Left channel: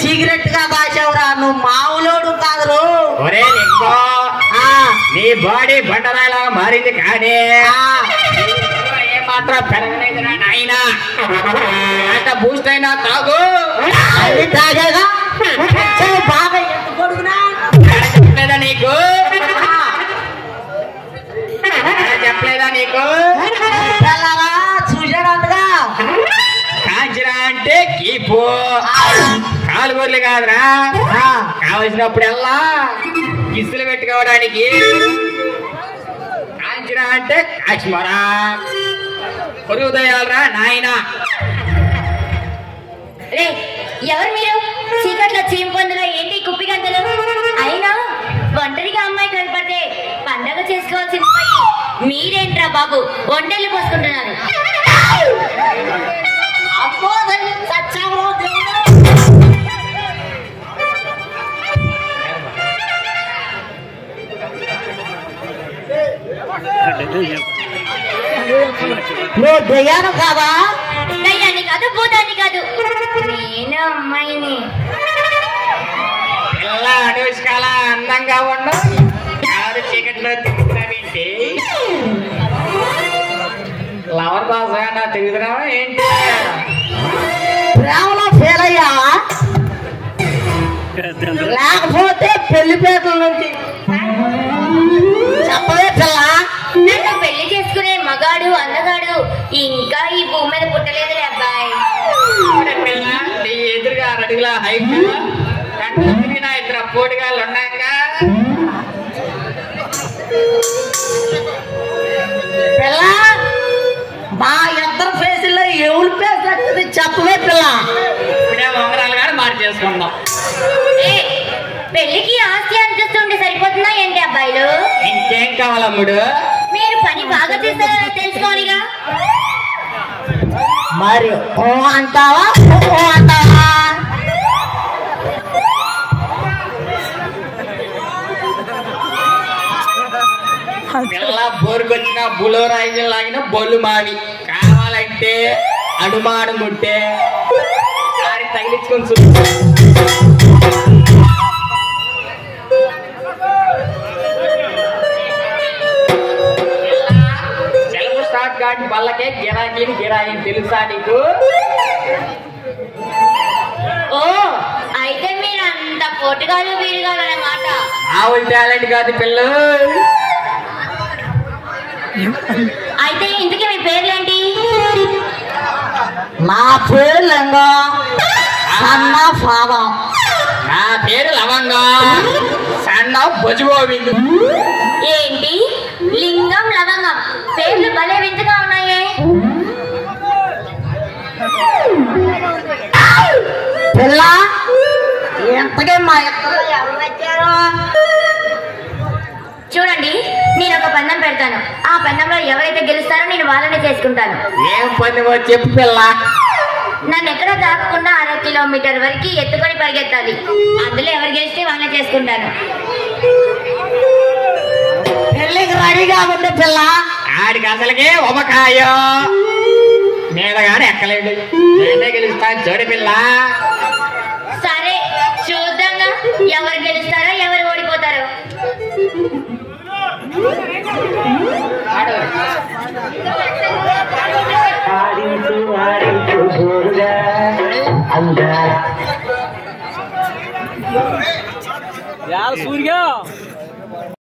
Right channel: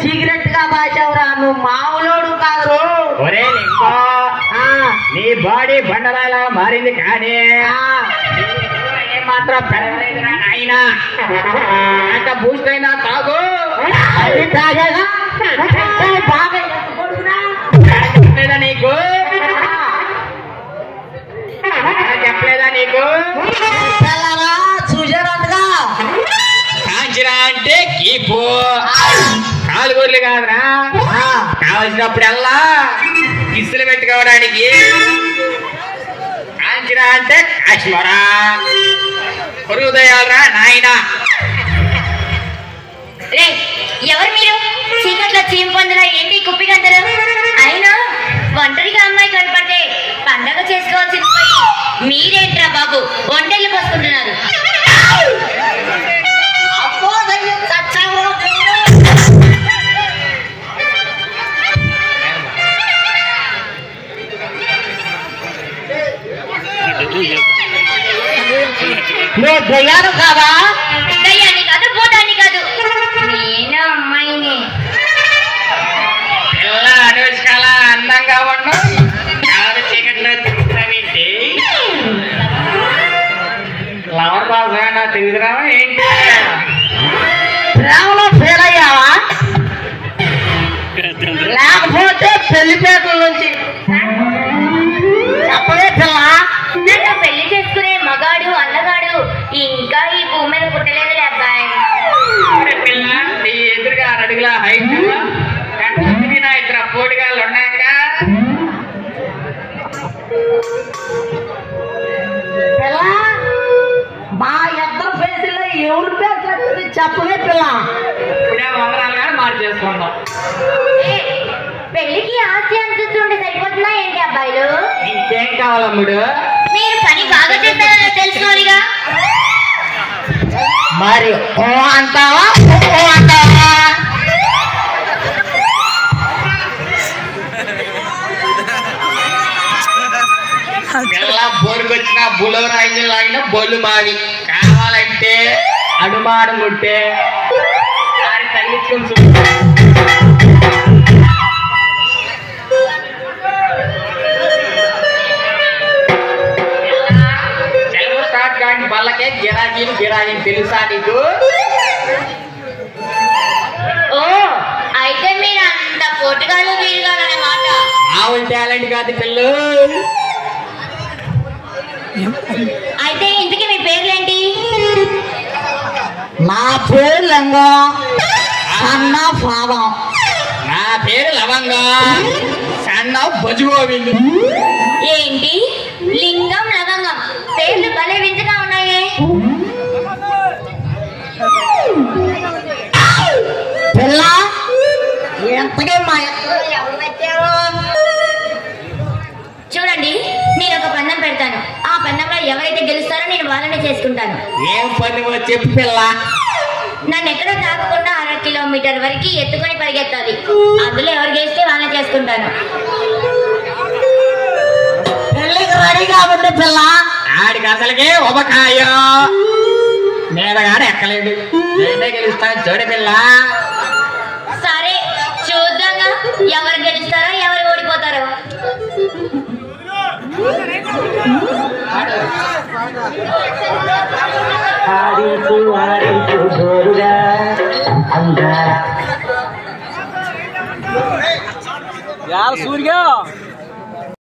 Cigarette గా దాచావురా, నువ్వు మామూలుడు కాదు. ఒరే లింగో, నీ బాడీ బండరాయిలా మారింది కానీ ఏమాత్రం పెరగలేదురా నాయన. అంత బూస్ట్ అయినా తాగు. అది తాగేగా బాగా ఎత్తుకొడుకునా చెప్పలేదా నీకు? చెప్పలేదా నీకు? చూసాడంటగా కాంచిరా అంటే కీపు కాలుగోర్లు కాదురా. కావలసినప్పుడల్లా కిసులు పెట్టుకోవడానికి. కాంచిరా అంటే కాశ్మరా పొరుగుదయాలరా నాయన. ఎవరు మీరు? చీకట్లో చీమ పొందిన ఏంటి కుప్పి గంటలు? అయినా ఒంటరిగా అమ్మాయి కనపడితే పండగ చేసుకోవాల్సింది పోయి మీరేంట్రా బాబు ఒంటెళ్ళు పోసుకుంటున్నారు? నువ్వు దయ్యాను కాదా? దయ్యాన్ని కాదు, భూతాన్ని కాదు, నేను అమ్మాయిని. పిల్ల అనుష్కల అందంగా ఉండు, కాదు చీకట్లో తిరుగుతున్నావేంటి? లవర్ కోసం తిరుగుతున్నావా ఏంటి? ప్రేమలో ఫెయిల్ అయ్యావా? లేకపోతే పెళ్లిపేటల నుంచి చెప్పవే పిల్ల. నన్ను పెళ్లి చేసుకునే మగాడు అందగాడు ఇంకా ఈ భూమి మీద పుట్టలేదు అబ్బాయి. పిల్ల నీ ఎదురుగా 6 అడుగుల హైట్, నా 2 పోటుగాళ్ళు ఉన్నాక పిల్ల మా ఇద్దరు ఫేసుల్లో ఎవరు ఫేస్ వస్తుంది చెప్పవే పిల్ల. ఇప్పుడే వంగరాలు కానీ మార్చేసుకుందాం. పెళ్లికి ఆస్తి అనిపిస్తుంటే సరిపోతుందా ఏంటి అబ్బాయిలు? ఇంకేం కావాలమ్ముడు? మీరు పని బాగా చేస్తారో తెలుసుకోవాలిగా. మరి ఓ అంటావా ఓ అంటావా? పిల్ల బోరుకొచ్చిన బులోరా ఇంజిన్ లాగిన బొల్లు మావి. కావాలంటే అడుమాడు ముట్టే తగిలించుకొని చూపు. సెలవు స్టార్ట్ కానీ బల్లకే గిరాకీని గిరాకీని తెలుసా నీకు? ఓ అయితే మీరు అంత పోటుగాలు వీరుగాలు అన్నమాట. మామూలు టాలెంట్ కాదు పిల్లు. అయితే ఇంతకీ మీ పేర్లేంటి? నా పేరు లింగం, సన్న పాదం. నా పేరు లవంగం, సన్న బొజుగోవిందు. ఏంటి లింగం లవంగం పేర్లు భలే వింతగా ఉన్నాయే. పిల్ల ఎంతగా మా ఇద్దరు ఎవరు వచ్చారు? చూడండి, నేను ఒక పందెం పెడతాను. ఆ పందెంలో ఎవరైతే గెలుస్తారో నేను వాళ్ళనే చేసుకుంటాను. ఏం పని చెప్పు పిల్ల. నన్ను ఎక్కడ తాకకుండా 1/2 కిలోమీటర్ వరకు ఎత్తుకొని పరిగెత్తాలి. అందులో ఎవరు గెలిస్తే వాళ్ళనే చేసుకుంటాను. పెళ్ళికి రెడీగా ఉంది పిల్ల. ఆడికి అసలుకే ఉబకాయో నేనగానే ఎక్కలేడు. నేనే గెలుస్తాను చూడు పిల్ల. సరే చూద్దాంగా ఎవరు గెలుస్తారో ఎవరు ఓడిపోతారో. यार सूर्य